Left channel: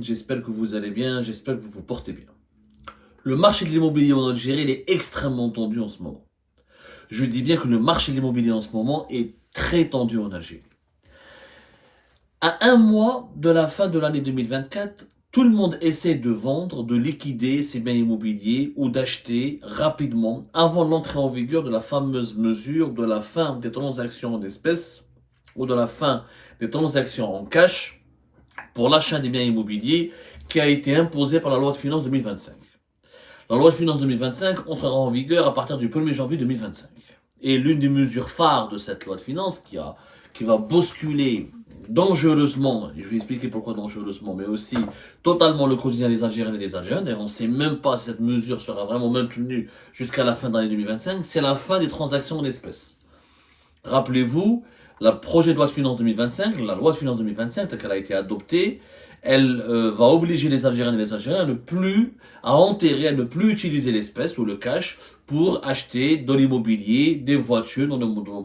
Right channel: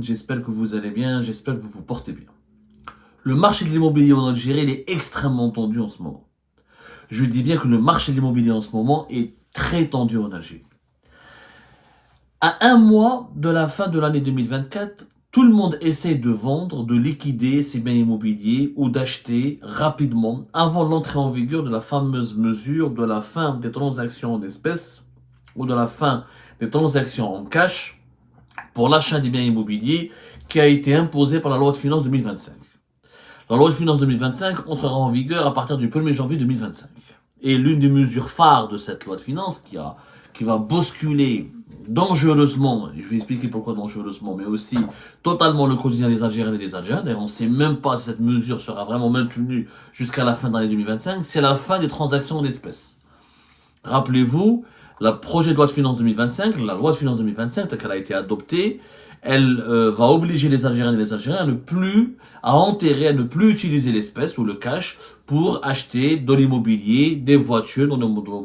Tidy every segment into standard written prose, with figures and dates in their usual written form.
J'espère que vous allez bien, j'espère que vous vous portez bien. Le marché de l'immobilier en Algérie il est extrêmement tendu en ce moment. Je dis bien que le marché de l'immobilier en ce moment est très tendu en Algérie. À un mois de la fin de l'année 2024, tout le monde essaie de vendre, de liquider ses biens immobiliers ou d'acheter rapidement avant l'entrée en vigueur de la fameuse mesure de la fin des transactions en espèces ou de la fin des transactions en cash pour l'achat des biens immobiliers qui a été imposée par la loi de finances 2025. La loi de finances 2025 entrera en vigueur à partir du 1er janvier 2025. Et l'une des mesures phares de cette loi de finances qui va bousculer dangereusement, et je vais expliquer pourquoi dangereusement, mais aussi totalement le quotidien des Algériens et des Algériens, d'ailleurs on ne sait même pas si cette mesure sera vraiment maintenue jusqu'à la fin de l'année 2025, c'est la fin des transactions en espèces. Rappelez-vous, le projet de loi de finances 2025, la loi de finances 2025, telle qu'elle a été adoptée, elle va obliger les Algériens et les Algériens à enterrer, à ne plus utiliser l'espèce ou le cash pour acheter de l'immobilier, des voitures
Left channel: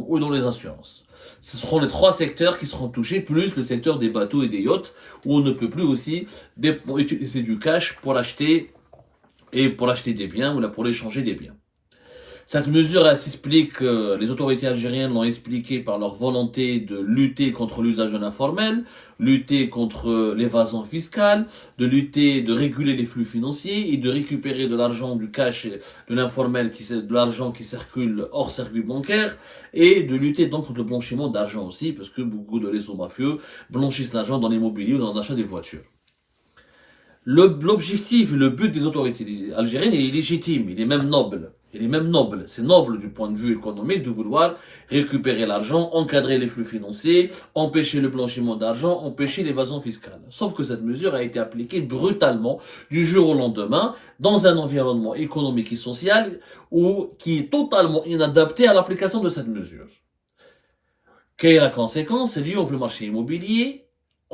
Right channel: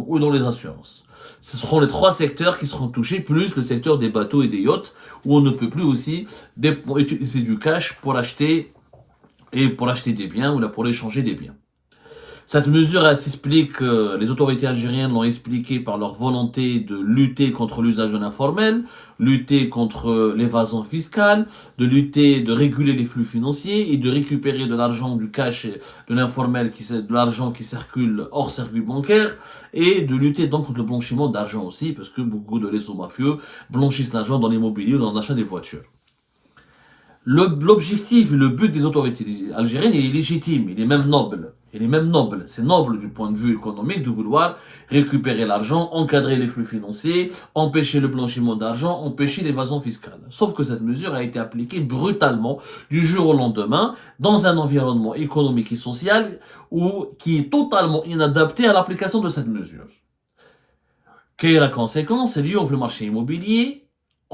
ou dans les assurances. Ce seront les trois secteurs qui seront touchés, plus le secteur des bateaux et des yachts, où on ne peut plus aussi utiliser du cash pour acheter des biens ou pour échanger des biens. Cette mesure, elle s'explique, les autorités algériennes l'ont expliqué par leur volonté de lutter contre l'usage de l'informel, lutter contre l'évasion fiscale, de réguler les flux financiers et de récupérer de l'argent, du cash, de l'informel, de l'argent qui circule hors circuit bancaire, et de lutter donc contre le blanchiment d'argent aussi, parce que beaucoup de réseaux mafieux blanchissent l'argent dans l'immobilier ou dans l'achat des voitures. L'objectif et le but des autorités algériennes est légitime, il est même noble. C'est noble du point de vue économique de vouloir récupérer l'argent, encadrer les flux financiers, empêcher le blanchiment d'argent, empêcher l'évasion fiscale. Sauf que cette mesure a été appliquée brutalement du jour au lendemain dans un environnement économique et social qui est totalement inadapté à l'application de cette mesure. Quelle est la conséquence? C'est lié au marché immobilier.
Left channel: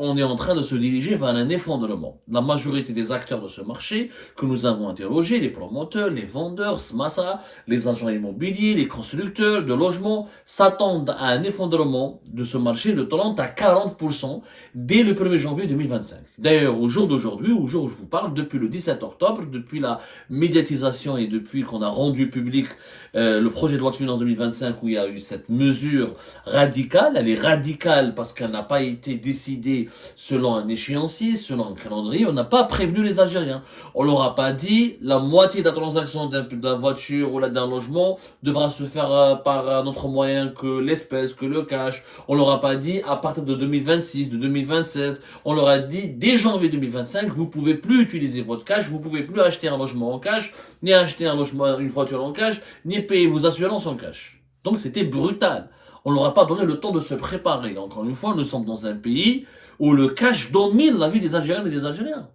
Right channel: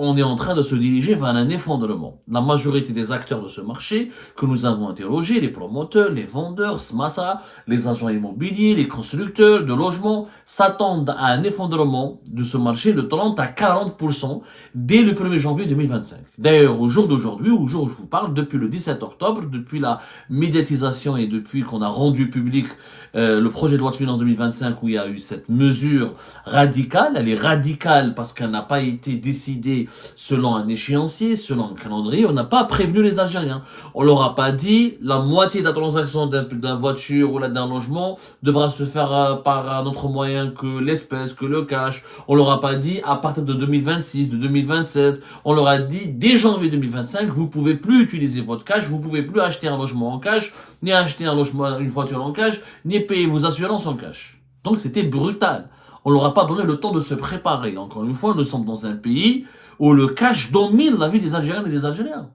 On est en train de se diriger vers un effondrement. La majorité des acteurs de ce marché que nous avons interrogés, les promoteurs, les vendeurs, SMASA, les agents immobiliers, les constructeurs de logements, s'attendent à un effondrement de ce marché de 30 à 40% dès le 1er janvier 2025. D'ailleurs, au jour d'aujourd'hui, au jour où je vous parle, depuis le 17 octobre, depuis la médiatisation et depuis qu'on a rendu public le projet de loi de finances 2025 où il y a eu cette mesure radicale, elle est radicale parce qu'elle n'a pas été décidée selon un échéancier, selon un calendrier, on n'a pas prévenu les Algériens. On leur a pas dit la moitié de la transaction d'une voiture ou d'un logement devra se faire par un autre moyen que l'espèce, que le cash. On leur a pas dit à partir de 2026, de 2027. On leur a dit dès janvier 2025, vous pouvez plus utiliser votre cash, vous pouvez plus acheter un logement en cash, ni acheter une voiture en cash, ni payer vos assurances en cash. Donc c'était brutal. On leur a pas donné le temps de se préparer. Encore une fois, nous sommes dans un pays où le cash domine la vie des Algériennes et des Algériens.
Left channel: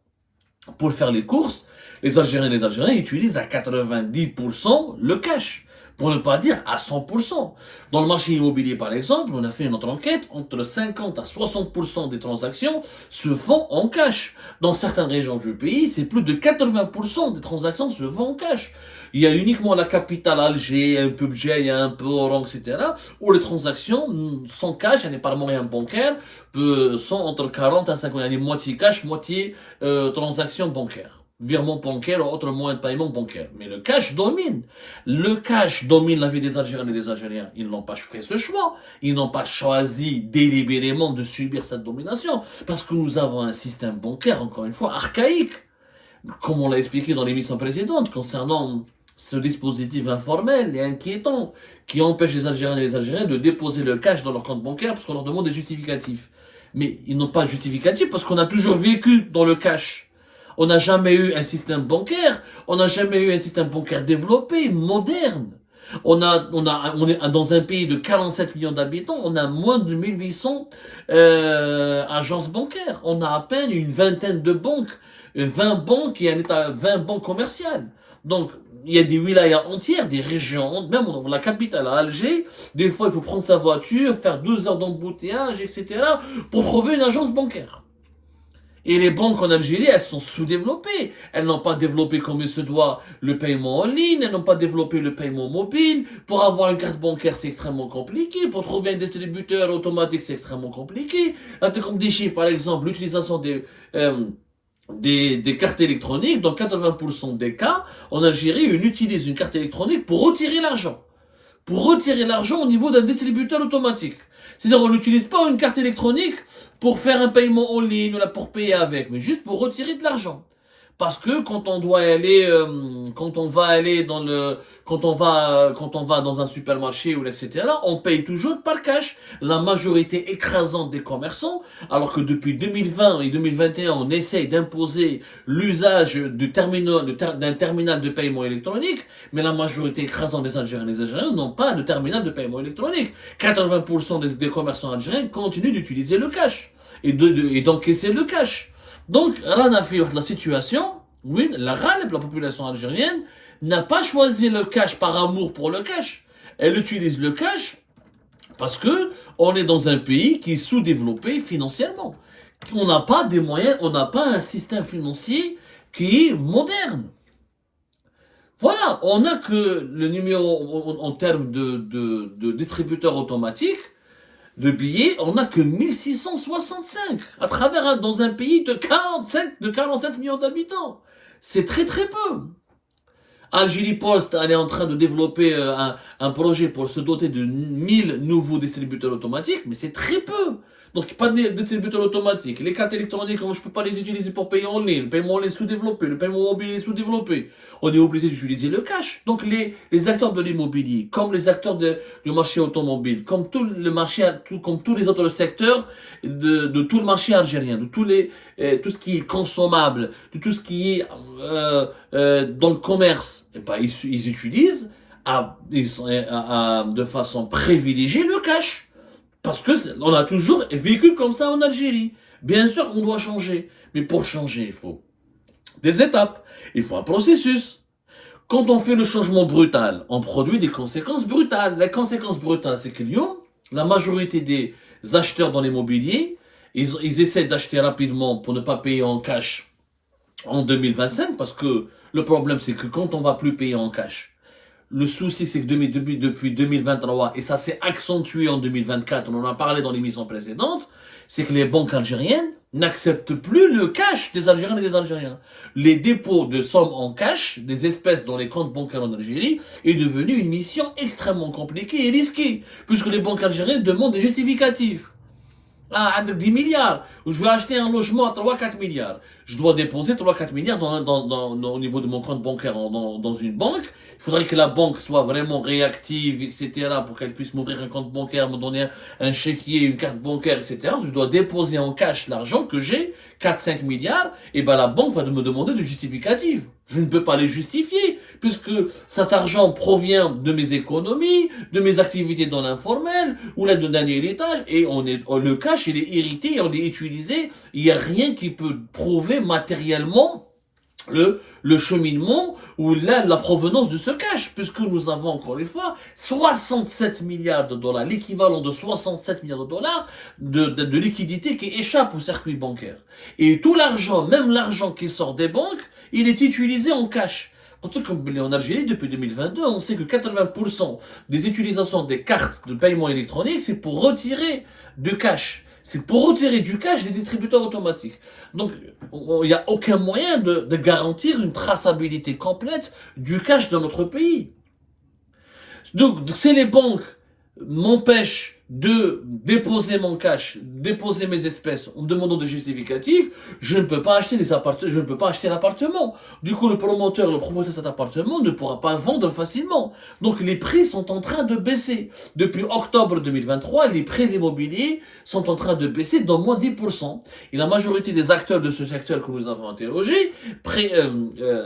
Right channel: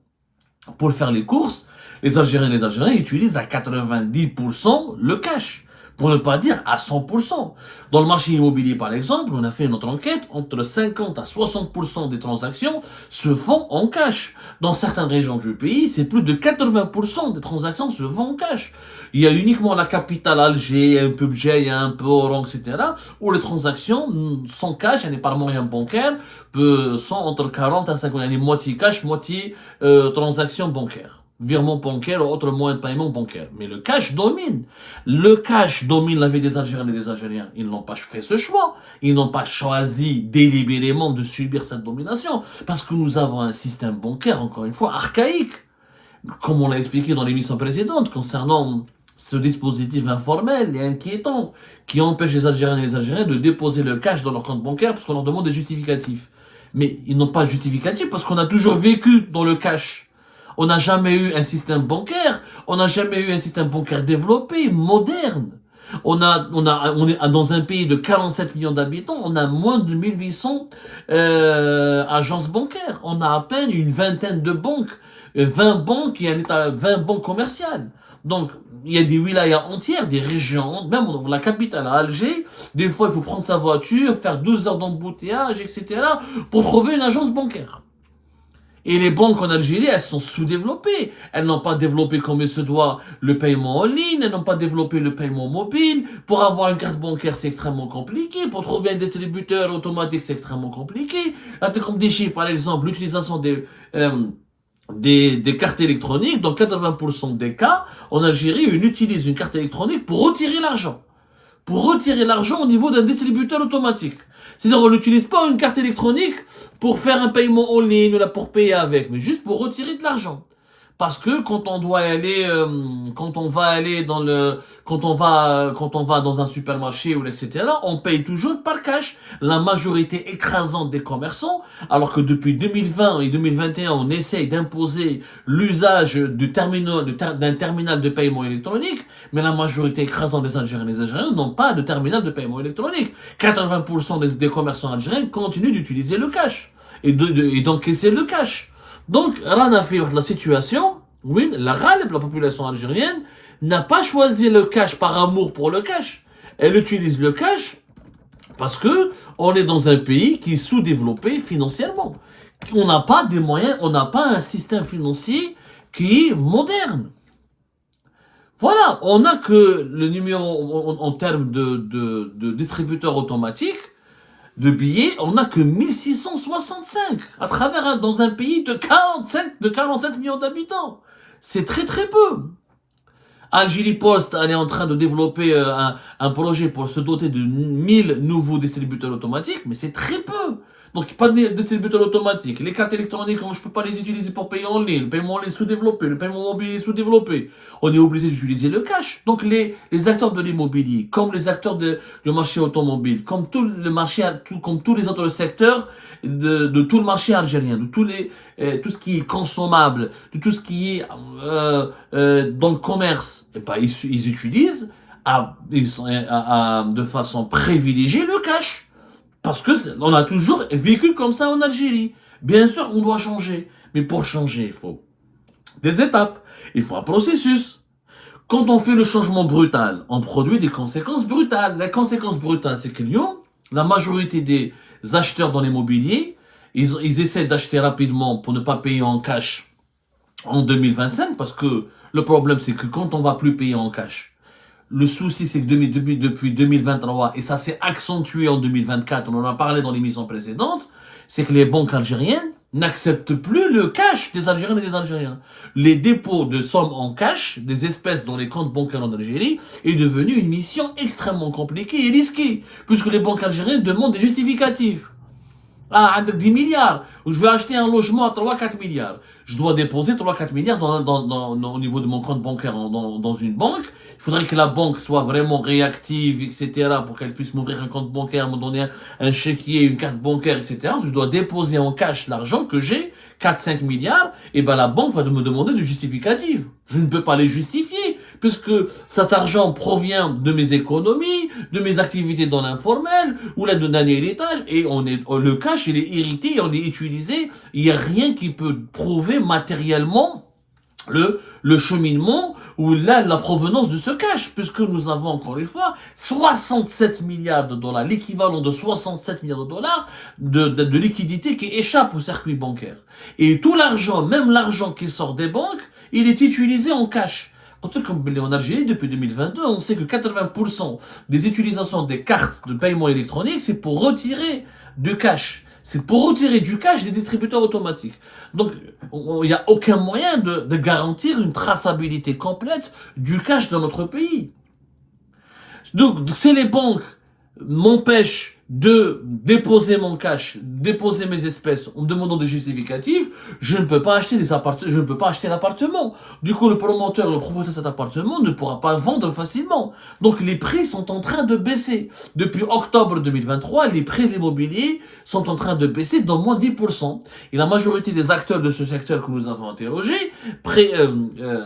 Pour faire les courses, les Algériens et les Algériens utilisent à 90% le cash, pour ne pas dire à 100%. Dans le marché immobilier, par exemple, on a fait notre enquête, entre 50 à 60% des transactions se font en cash. Dans certaines régions du pays, c'est plus de 80% des transactions se font en cash. Il y a uniquement la capitale Alger, un peu Bjaïa, un peu Oran, etc., où les transactions sont cash, il n'y a pas de moyen bancaire, sont entre 40 à 50, il y a moitié cash, moitié transactions bancaires. Virement bancaire ou autre moyen de paiement bancaire. Mais le cash domine. Le cash domine la vie des Algériens et des Algériens. Ils n'ont pas fait ce choix. Ils n'ont pas choisi délibérément de subir cette domination. Parce que nous avons un système bancaire, encore une fois, archaïque. Comme on l'a expliqué dans l'émission précédente, concernant ce dispositif informel et inquiétant qui empêche les Algériens et les Algériens de déposer le cash dans leur compte bancaire parce qu'on leur demande des justificatifs. Mais ils n'ont pas de justificatif parce qu'on a toujours vécu dans le cash. On n'a jamais eu un système bancaire, on n'a jamais eu un système bancaire développé, moderne. On est dans un pays de 47 millions d'habitants, on a moins de 1800 agences bancaires. On a à peine une vingtaine de banques, 20 banques et 20 banques commerciales. Donc, il y a des wilayas entières, des régions, même dans la capitale à Alger, des fois il faut prendre sa voiture, faire 2 heures d'embouteillage, etc., pour trouver une agence bancaire. Et les banques en Algérie, elles sont sous-développées. Elles n'ont pas développé comme il se doit le paiement en ligne, elles n'ont pas développé le paiement mobile. Pour avoir une carte bancaire, c'est extrêmement compliqué. Pour trouver un distributeur automatique, c'est extrêmement compliqué. Là, comme des chiffres, par exemple, l'utilisation des cartes électroniques, dans 80% des cas, en Algérie, on utilise une carte électronique pour retirer l'argent. Pour retirer l'argent au niveau d'un distributeur automatique. C'est-à-dire qu'on n'utilise pas une carte électronique pour faire un paiement en ligne ou là pour payer avec, mais juste pour retirer de l'argent. Parce que quand on doit aller, quand on va aller dans le, quand on va dans un supermarché ou etc., on paye toujours par cash. La majorité écrasante des commerçants, alors que depuis 2020 et 2021, on essaye d'imposer l'usage d'un terminal de paiement électronique, mais la majorité écrasante des Algériens et des Algériens n'ont pas de terminal de paiement électronique. 80% des commerçants algériens continuent d'utiliser le cash et d'encaisser le cash. Donc, rien à faire de la situation, oui, la population algérienne, n'a pas choisi le cash par amour pour le cash. Elle utilise le cash parce que on est dans un pays qui est sous-développé financièrement. On n'a pas des moyens, on n'a pas un système financier qui est moderne. Voilà, on n'a que le numéro en termes de distributeur automatique de billets, on n'a que 1665 à travers dans un pays de 47 millions d'habitants. C'est très très peu. Algérie Post, elle est en train de développer un projet pour se doter de 1000 nouveaux distributeurs automatiques, mais c'est très peu. Donc, pas de distributeur automatique. Les cartes électroniques, je ne peux pas les utiliser pour payer en ligne. Le paiement en ligne est sous-développé. Le paiement mobile est sous-développé. On est obligé d'utiliser le cash. Donc, les acteurs de l'immobilier, comme les acteurs du marché automobile, comme tout le marché, comme tous les autres secteurs de tout le marché algérien, de tout ce qui est consommable, de tout ce qui est dans le commerce, et ben, ils utilisent de façon privilégiée le cash. Parce que on a toujours vécu comme ça en Algérie. Bien sûr, on doit changer. Mais pour changer, il faut des étapes. Il faut un processus. Quand on fait le changement brutal, on produit des conséquences brutales. La conséquence brutale, c'est que Lyon, la majorité des acheteurs dans l'immobilier, ils essaient d'acheter rapidement pour ne pas payer en cash en 2025. Parce que le problème, c'est que quand on va plus payer en cash, le souci, c'est que depuis 2023, et ça s'est accentué en 2024, on en a parlé dans l'émission précédente, c'est que les banques algériennes n'acceptent plus le cash des Algériens et des Algériens. Les dépôts de sommes en cash, des espèces dans les comptes bancaires en Algérie, est devenu une mission extrêmement compliquée et risquée, puisque les banques algériennes demandent des justificatifs. Ah, 10 milliards, je veux acheter un logement à 3-4 milliards. Je dois déposer 3-4 milliards au niveau de mon compte bancaire dans une banque. Il faudrait que la banque soit vraiment réactive, etc., pour qu'elle puisse m'ouvrir un compte bancaire, me donner un chéquier, une carte bancaire, etc. Je dois déposer en cash l'argent que j'ai, 4-5 milliards, et ben la banque va me demander du justificatif. Je ne peux pas les justifier, puisque cet argent provient de mes économies, de mes activités dans l'informel, ou là d'un héritage, et le cash, il est hérité, on est utilisé, il n'y a rien qui peut prouver matériellement le cheminement ou la provenance de ce cash, puisque nous avons encore une fois 67 milliards de dollars, l'équivalent de 67 milliards de dollars de liquidité qui échappe au circuit bancaire. Et tout l'argent, même l'argent qui sort des banques, il est utilisé en cash. Comme en Algérie, depuis 2022, on sait que 80% des utilisations des cartes de paiement électronique, c'est pour retirer du cash. C'est pour retirer du cash des distributeurs automatiques. Donc, il n'y a aucun moyen de garantir une traçabilité complète du cash dans notre pays. Donc, si les banques m'empêchent de déposer mon cash, déposer mes espèces en me demandant des justificatifs, je ne peux pas acheter je ne peux pas acheter l'appartement. Du coup, le promoteur de cet appartement ne pourra pas vendre facilement. Donc, les prix sont en train de baisser. Depuis octobre 2023, les prix de l'immobilier sont en train de baisser d'au moins 10%. Et la majorité des acteurs de ce secteur que nous avons interrogés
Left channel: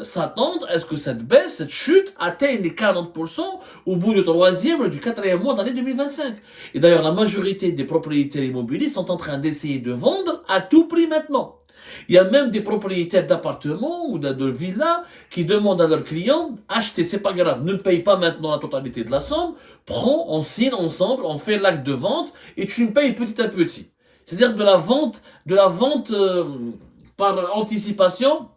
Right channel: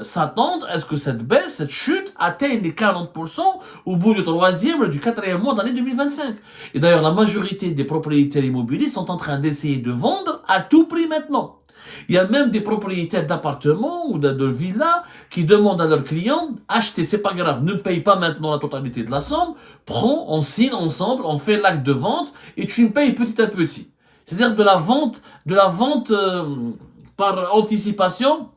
s'attendent à ce que cette baisse, cette chute, atteigne les 40% au bout du 3e, du 4e mois d'année 2025. Et d'ailleurs, la majorité des propriétaires immobiliers sont en train d'essayer de vendre à tout prix maintenant. Il y a même des propriétaires d'appartements ou de villas qui demandent à leurs clients, achetez, c'est pas grave, ne paye pas maintenant la totalité de la somme, prends, on signe ensemble, on fait l'acte de vente et tu me payes petit à petit. C'est-à-dire de la vente par anticipation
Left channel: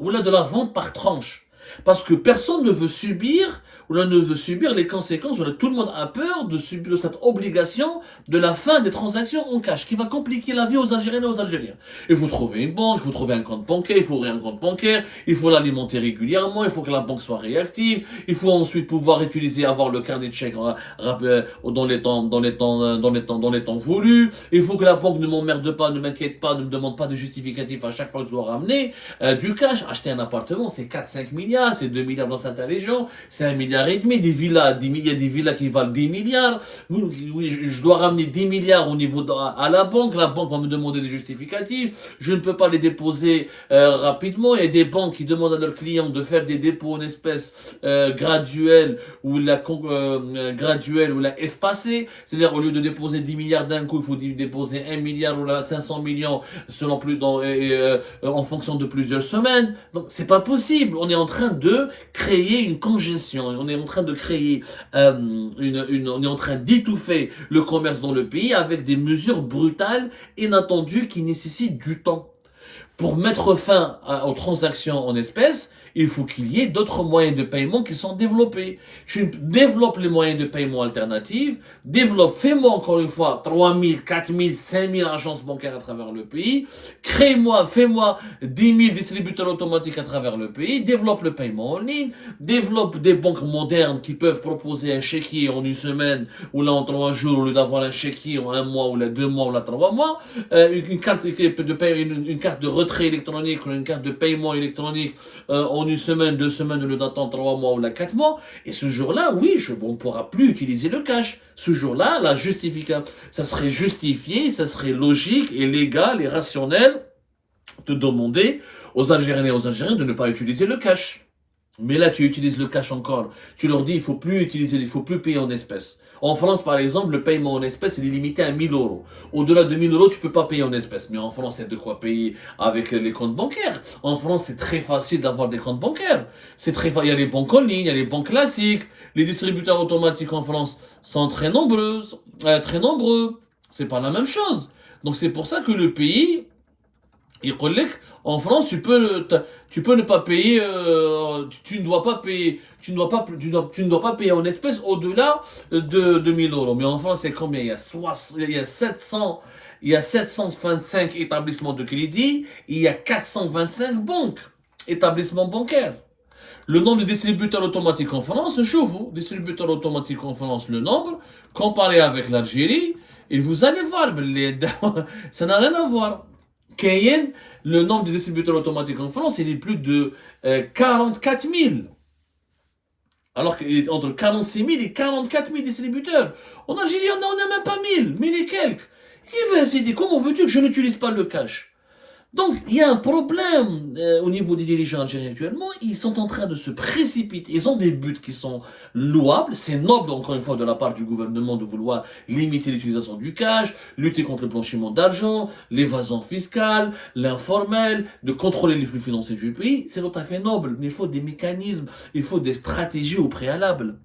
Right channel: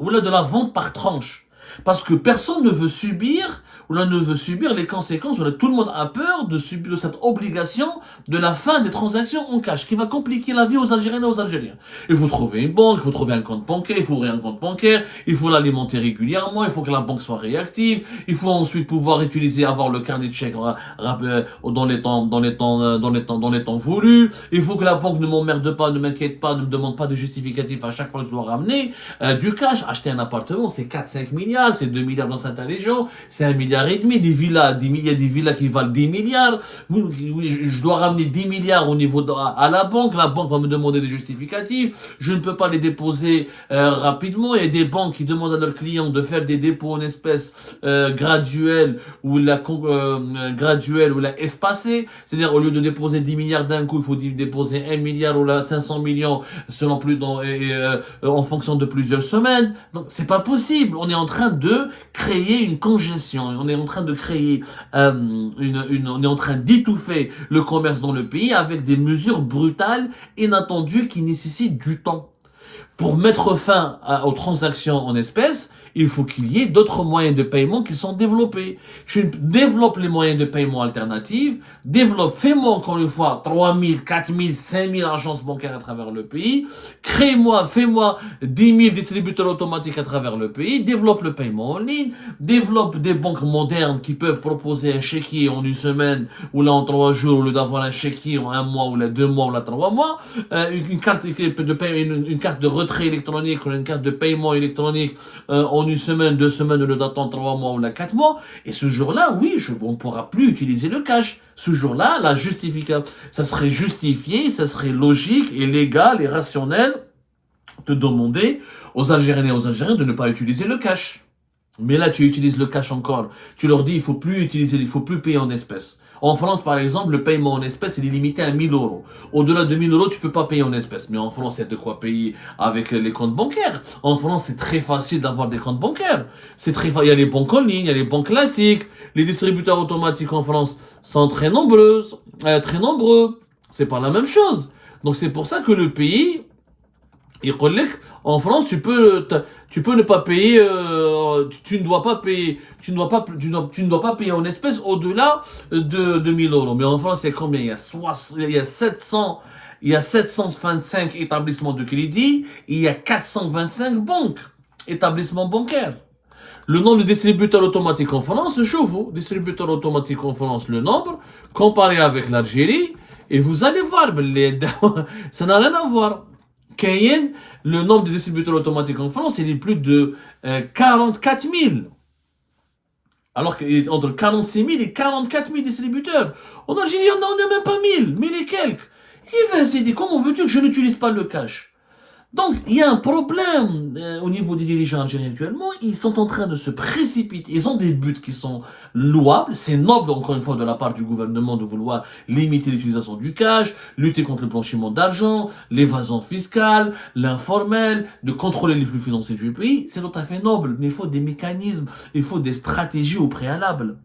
ou là de la vente par tranche. Parce que personne ne veut subir ou là ne veut subir les conséquences, ou là tout le monde a peur de subir cette obligation de la fin des transactions en cash qui va compliquer la vie aux Algériennes et aux Algériens. Il faut trouver une banque, il faut trouver un compte bancaire, il faut ouvrir un compte bancaire, il faut l'alimenter régulièrement, il faut que la banque soit réactive, il faut ensuite pouvoir utiliser, avoir le carnet de chèques dans les temps voulus, il faut que la banque ne m'emmerde pas, ne m'inquiète pas, ne me demande pas de justificatif à chaque fois que je dois ramener du cash. Acheter un appartement, c'est 4-5 milliards, c'est 2 milliards dans certaines régions, c'est 1 milliard et demi, des villas, il y a des villas qui valent 10 milliards. Oui, je dois ramener 10 milliards au niveau à la banque va me demander des justificatifs, je ne peux pas les déposer rapidement. Il y a des banques qui demandent à leurs clients de faire des dépôts en espèces graduels ou espacés, c'est-à-dire au lieu de déposer 10 milliards d'un coup, il faut déposer 1 milliard ou là 500 millions selon en fonction de plusieurs semaines. Donc c'est pas possible, on est en train de créer une congestion, on est en train de créer on est en train d'étouffer le commerce dans le pays avec des mesures brutales, inattendues, qui nécessitent du temps. Pour mettre fin aux transactions en espèces, il faut qu'il y ait d'autres moyens de paiement qui sont développés. Tu développes les moyens de paiement alternatifs, fais-moi encore une fois 3000, 4000, 5000 agences bancaires à travers le pays, fais-moi 10 000 distributeurs automatiques à travers le pays, développe le paiement en ligne, développe des banques modernes qui peuvent proposer un chéquier en une semaine, ou là en 3 jours, au lieu d'avoir un chéquier en 1 mois, ou là 2 mois, ou là 3 mois, une carte de retrait électronique, ou une carte de paiement électronique en une semaine, 2 semaines, au lieu d'attendre 3 mois ou là 4 mois. Et ce jour-là, oui, on ne pourra plus utiliser le cash. Ce jour-là, ça serait justifié, ça serait logique et légal et rationnel de demander aux Algériennes et aux Algériens de ne pas utiliser le cash. Mais là, tu utilises le cash encore. Tu leur dis, il faut plus payer en espèces. En France, par exemple, le paiement en espèces, il est limité à 1000 euros. Au-delà de 1000 euros, tu peux pas payer en espèces. Mais en France, il y a de quoi payer avec les comptes bancaires. En France, c'est très facile d'avoir des comptes bancaires. Il y a les banques en ligne, il y a les banques classiques. Les distributeurs automatiques en France sont très nombreux. C'est pas la même chose. Donc, c'est pour ça que le pays, en France, tu peux ne pas payer, tu ne dois pas payer, tu ne dois pas payer en espèces au-delà de 1000 euros. Mais en France, c'est combien? Il y a 725 établissements de crédit, il y a 425 banques, établissements bancaires. Le nombre de distributeurs automatiques en France, je vous, distributeurs automatiques en France, le nombre, comparé avec l'Algérie, et vous allez voir, ça n'a rien à voir. Cayenne, le nombre de distributeurs automatiques en France, il est plus de 44 000. Alors qu'entre 46 000 et 44 000 distributeurs. En Algérie, on n'en a même pas 1000 et quelques. Qui va se dire, comment veux-tu que je n'utilise pas le cash? Donc, il y a un problème au niveau des dirigeants algériens actuellement. Ils sont en train de se précipiter. Ils ont des buts qui sont louables. C'est noble, encore une fois, de la part du gouvernement de vouloir limiter l'utilisation du cash, lutter contre le blanchiment d'argent, l'évasion fiscale, l'informel, de contrôler les flux financiers du pays. C'est tout à fait noble. Mais il faut des mécanismes, il faut des stratégies au préalable.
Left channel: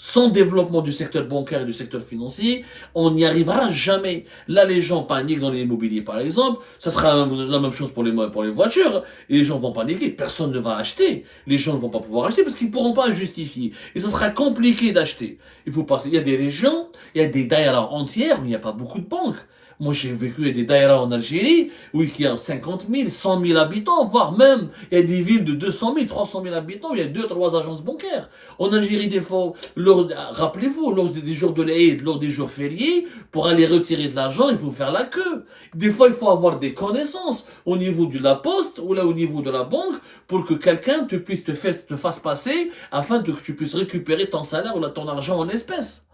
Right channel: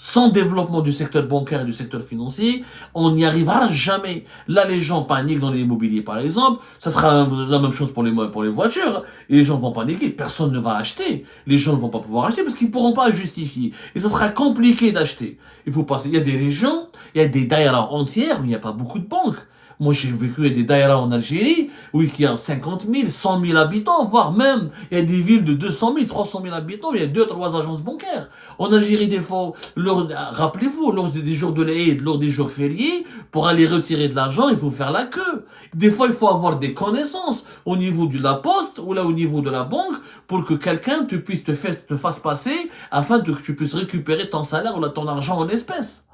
Sans développement du secteur bancaire et du secteur financier, on n'y arrivera jamais. Là, les gens paniquent dans l'immobilier, par exemple. Ça sera la même chose pour les voitures. Et les gens vont paniquer. Personne ne va acheter. Les gens ne vont pas pouvoir acheter parce qu'ils ne pourront pas justifier. Et ça sera compliqué d'acheter. Il faut passer. Il y a des régions, il y a des daïras entières où il n'y a pas beaucoup de banques. Moi, j'ai vécu des daïras en Algérie, oui, qui ont 50 000, 100 000 habitants, voire même, il y a des villes de 200 000, 300 000 habitants, il y a 2-3 agences bancaires. En Algérie, des fois, rappelez-vous, lors des jours de l'Aïd, lors des jours fériés, pour aller retirer de l'argent, il faut faire la queue. Des fois, il faut avoir des connaissances au niveau de la poste ou là au niveau de la banque pour que quelqu'un te fasse passer afin que tu puisses récupérer ton salaire ou là, ton argent en espèces.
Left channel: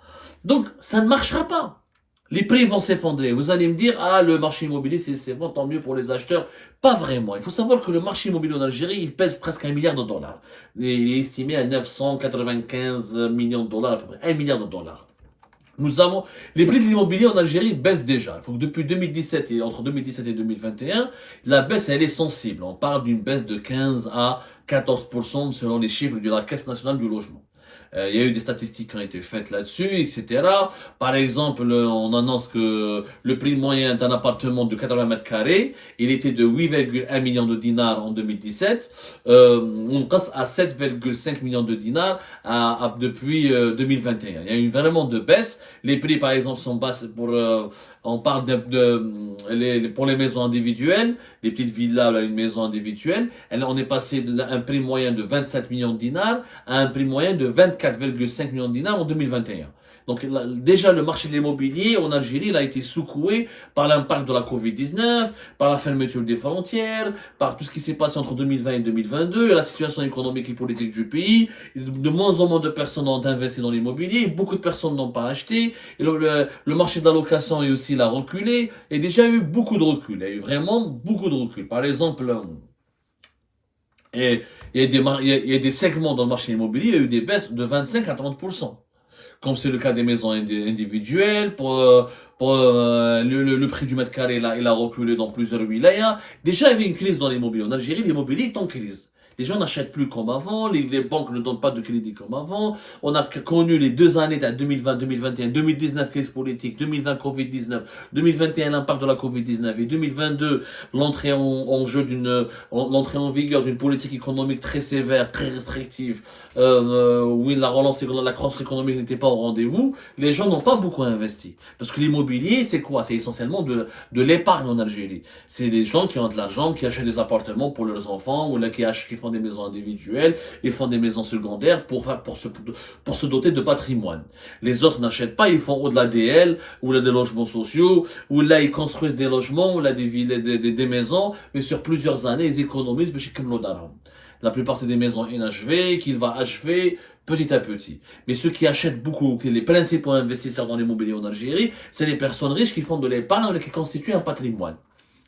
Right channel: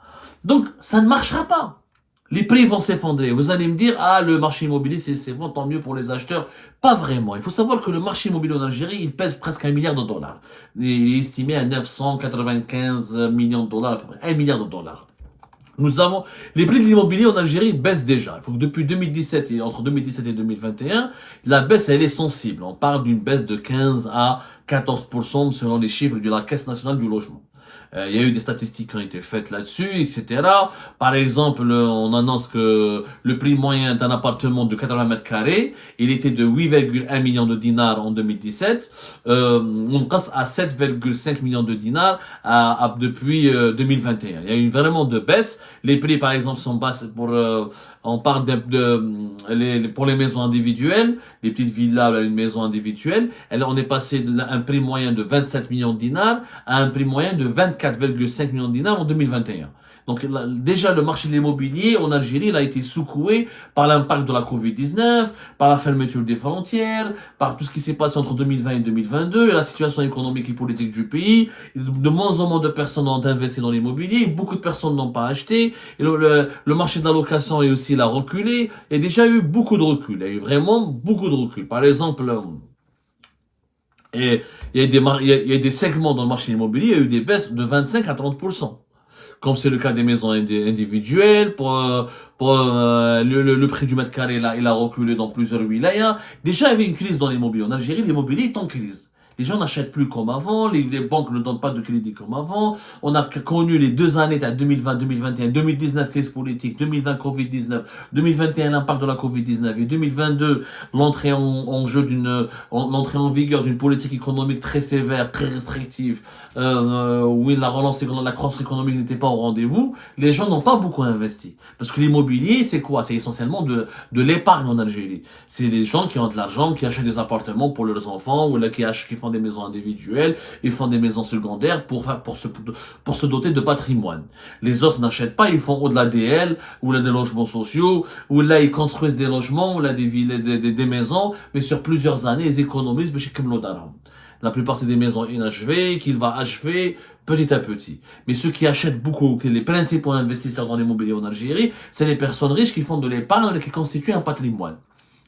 Donc, ça ne marchera pas. Les prix vont s'effondrer. Vous allez me dire, le marché immobilier, c'est bon, tant mieux pour les acheteurs. Pas vraiment. Il faut savoir que le marché immobilier en Algérie, il pèse presque $1 milliard. Il est estimé à 995 millions de dollars, à peu près. $1 milliard. Les prix de l'immobilier en Algérie baissent déjà. Il faut que depuis 2017 et entre 2017 et 2021, la baisse, elle est sensible. On parle d'une baisse de 15 à 14% selon les chiffres de la Caisse nationale du logement. Il y a eu des statistiques qui ont été faites là-dessus, etc. Par exemple, on annonce que le prix moyen d'un appartement de 80 mètres carrés, il était de 8,1 millions de dinars en 2017. On passe à 7,5 millions de dinars depuis 2021. Il y a eu vraiment de baisse. Les prix, par exemple, sont bas on parle pour les maisons individuelles, les petites villas à une maison individuelle. On est passé d'un prix moyen de 27 millions de dinars à un prix moyen de 24,5 millions de dinars en 2021. Donc là, déjà, le marché de l'immobilier en Algérie il a été secoué par l'impact de la Covid-19, par la fermeture des frontières, par tout ce qui s'est passé entre 2020 et 2022, et la situation économique et politique du pays. De moins en moins de personnes ont investi dans l'immobilier, beaucoup de personnes n'ont pas acheté, et le marché de la location est aussi là reculé. Il y a déjà eu beaucoup de recul, il y a eu vraiment beaucoup de recul. Par exemple, il y a des segments dans le marché immobilier, il y a eu des baisses de 25 à 30%. Comme c'est le cas des maisons individuelles, le prix du mètre carré, là, il a reculé dans plusieurs wilayas. Déjà, il y avait une crise dans l'immobilier. En Algérie, l'immobilier est en crise. Les gens n'achètent plus comme avant, les banques ne donnent pas de crédit comme avant. On a connu les 2 années, 2020, 2021, 2019, crise politique, 2020, Covid-19, 2021, l'impact de la Covid-19 et 2022, l'entrée l'entrée en vigueur d'une politique économique très sévère, très restrictive, où la croissance économique n'était pas au rendez-vous. Les gens n'ont pas beaucoup investi. Parce que l'immobilier, c'est quoi? C'est essentiellement de l'épargne en Algérie. C'est des gens qui ont de l'argent, qui achètent des appartements pour leurs enfants, ou là, qui font des maisons individuelles, ils font des maisons secondaires pour se doter de patrimoine. Les autres n'achètent pas, ils font au-delà d'ADL, ou là des logements sociaux, ou là ils construisent des logements, ou là des villes, des maisons, mais sur plusieurs années, ils économisent, mais chez la plupart c'est des maisons inachevées, qu'il va achever petit à petit. Mais ceux qui achètent beaucoup, les principaux investisseurs dans l'immobilier en Algérie, c'est les personnes riches qui font de l'épargne, qui constituent un patrimoine.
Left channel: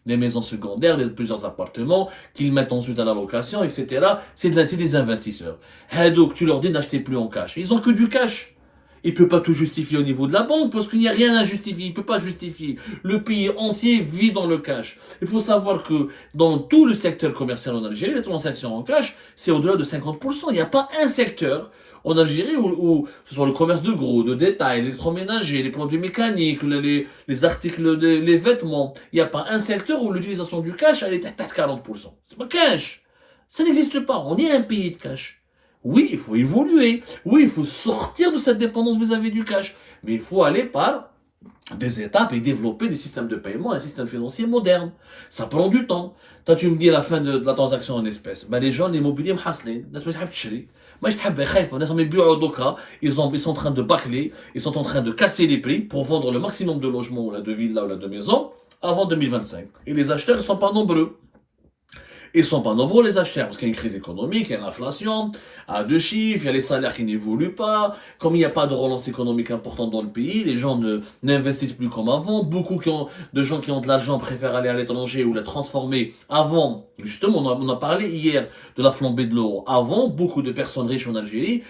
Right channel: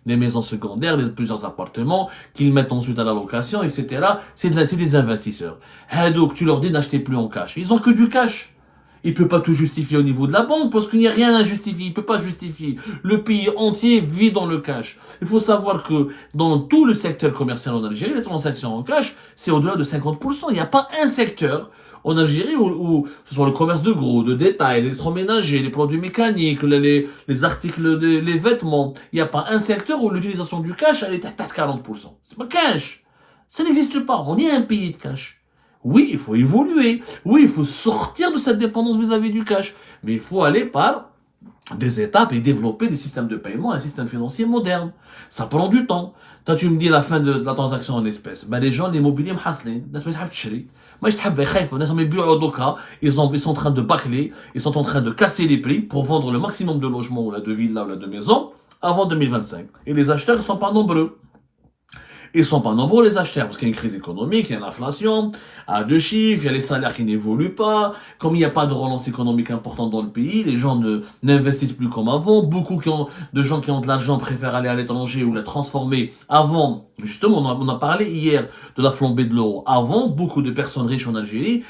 Des maisons secondaires, plusieurs appartements, qu'ils mettent ensuite à la location, etc. C'est des investisseurs. Donc, tu leur dis d'acheter plus en cash. Ils ont que du cash. Ils ne peuvent pas tout justifier au niveau de la banque parce qu'il n'y a rien à justifier. Ils ne peuvent pas justifier. Le pays entier vit dans le cash. Il faut savoir que dans tout le secteur commercial en Algérie, les transactions en cash, c'est au-delà de 50%. Il n'y a pas un secteur en Algérie où ce soit le commerce de gros, de détail, l'électroménager, les produits mécaniques, les articles, les vêtements, il n'y a pas un secteur où l'utilisation du cash elle est à 40%. C'est pas cash. Ça n'existe pas. On est un pays de cash. Oui, il faut évoluer. Oui, il faut sortir de cette dépendance vis-à-vis du cash. Mais il faut aller par des étapes et développer des systèmes de paiement, un système financier moderne. Ça prend du temps. Toi, tu me dis la fin de la transaction en espèces. Ben, les gens, l'immobilier, moi, je ils sont en train de bâcler, ils sont en train de casser les prix pour vendre le maximum de logements ou de villas ou de maisons avant 2025. Et les acheteurs ne sont pas nombreux. Ils ne sont pas nombreux les acheteurs parce qu'il y a une crise économique, il y a l'inflation, à 2 chiffres, il y a les salaires qui n'évoluent pas. Comme il n'y a pas de relance économique importante dans le pays, les gens n'investissent plus comme avant. Beaucoup de gens qui ont de l'argent préfèrent aller à l'étranger ou la transformer. Avant, justement, on a parlé hier de la flambée de l'euro. Avant, beaucoup de personnes riches en Algérie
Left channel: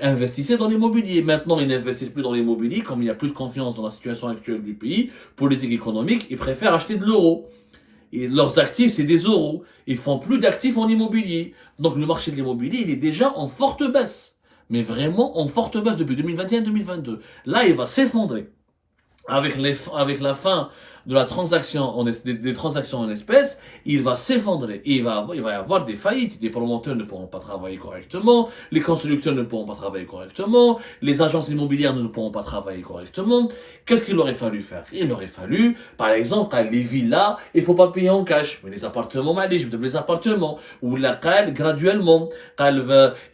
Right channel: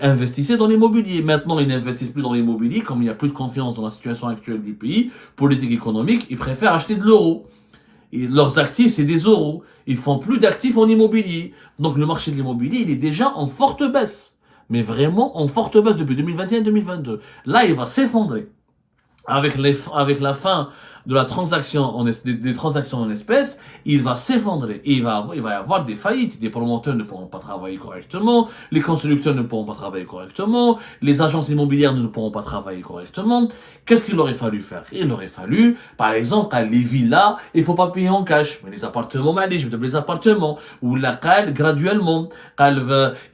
investissaient dans l'immobilier. Maintenant, ils n'investissent plus dans l'immobilier. Comme il n'y a plus de confiance dans la situation actuelle du pays, politique économique, ils préfèrent acheter de l'euro. Et leurs actifs, c'est des euros. Ils font plus d'actifs en immobilier. Donc le marché de l'immobilier, il est déjà en forte baisse. Mais vraiment en forte baisse depuis 2021-2022. Là, il va s'effondrer. Avec la fin de la transaction des transactions en espèces, il va s'effondrer. Et il va y avoir des faillites. Des promoteurs ne pourront pas travailler correctement. Les constructeurs ne pourront pas travailler correctement. Les agences immobilières ne pourront pas travailler correctement. Qu'est-ce qu'il aurait fallu faire? Il aurait fallu, par exemple, les villas, il ne faut pas payer en cash. Mais les appartements, les appartements. Ou la CAL, graduellement.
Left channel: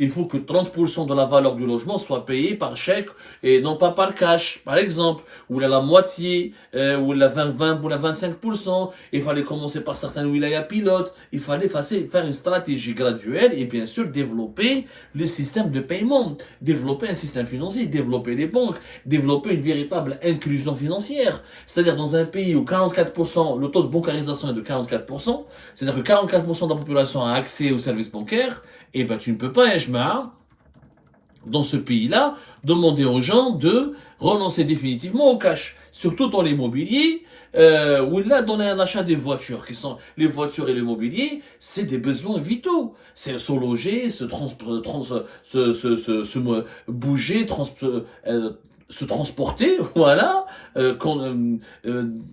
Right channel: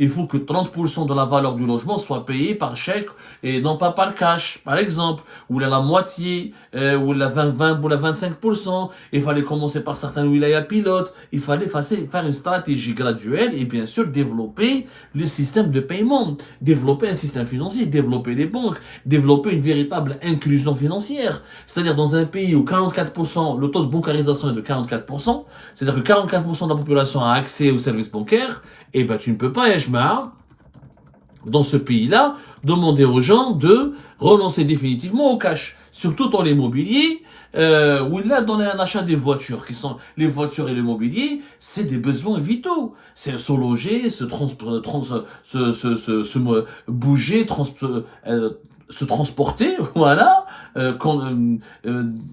Il faut que 30% de la valeur du logement soit payé par chèque et non pas par cash, par exemple. Ou la moitié, ou la 20 ou la 25%. Il fallait commencer par certains wilayas pilotes. Il fallait faire une stratégie graduelle et bien sûr développer le système de paiement. Développer un système financier, développer les banques, développer une véritable inclusion financière. C'est-à-dire dans un pays où 44%, le taux de bancarisation est de 44%, c'est-à-dire que 44% de la population a accès aux services bancaires, et ben tu ne peux pas, dans ce pays-là, demander aux gens de renoncer définitivement au cash. Surtout dans l'immobilier, ou là, dans un achat des voitures, qui sont les voitures et l'immobilier, c'est des besoins vitaux. C'est se loger, bouger, se transporter, voilà.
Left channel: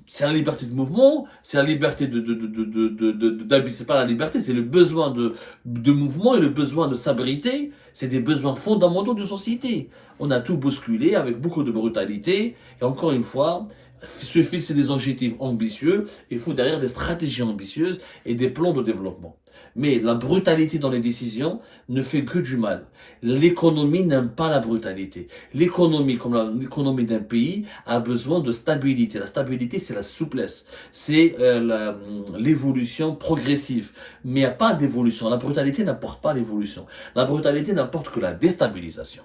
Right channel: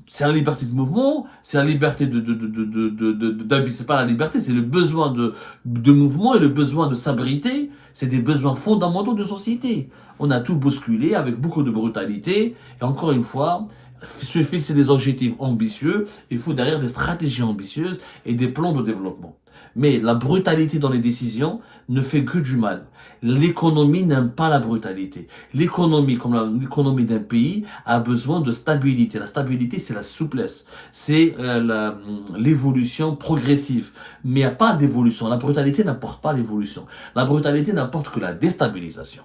C'est la liberté de mouvement, c'est la liberté c'est pas la liberté, c'est le besoin de mouvement et le besoin de s'abriter. C'est des besoins fondamentaux de société. On a tout bousculé avec beaucoup de brutalité. Et encore une fois, se fixer des objectifs ambitieux, il faut derrière des stratégies ambitieuses et des plans de développement. Mais la brutalité dans les décisions ne fait que du mal. L'économie n'aime pas la brutalité. L'économie, comme l'économie d'un pays, a besoin de stabilité. La stabilité, c'est la souplesse. C'est l'évolution progressive. Mais il n'y a pas d'évolution. La brutalité n'apporte pas l'évolution. La brutalité n'apporte que la déstabilisation.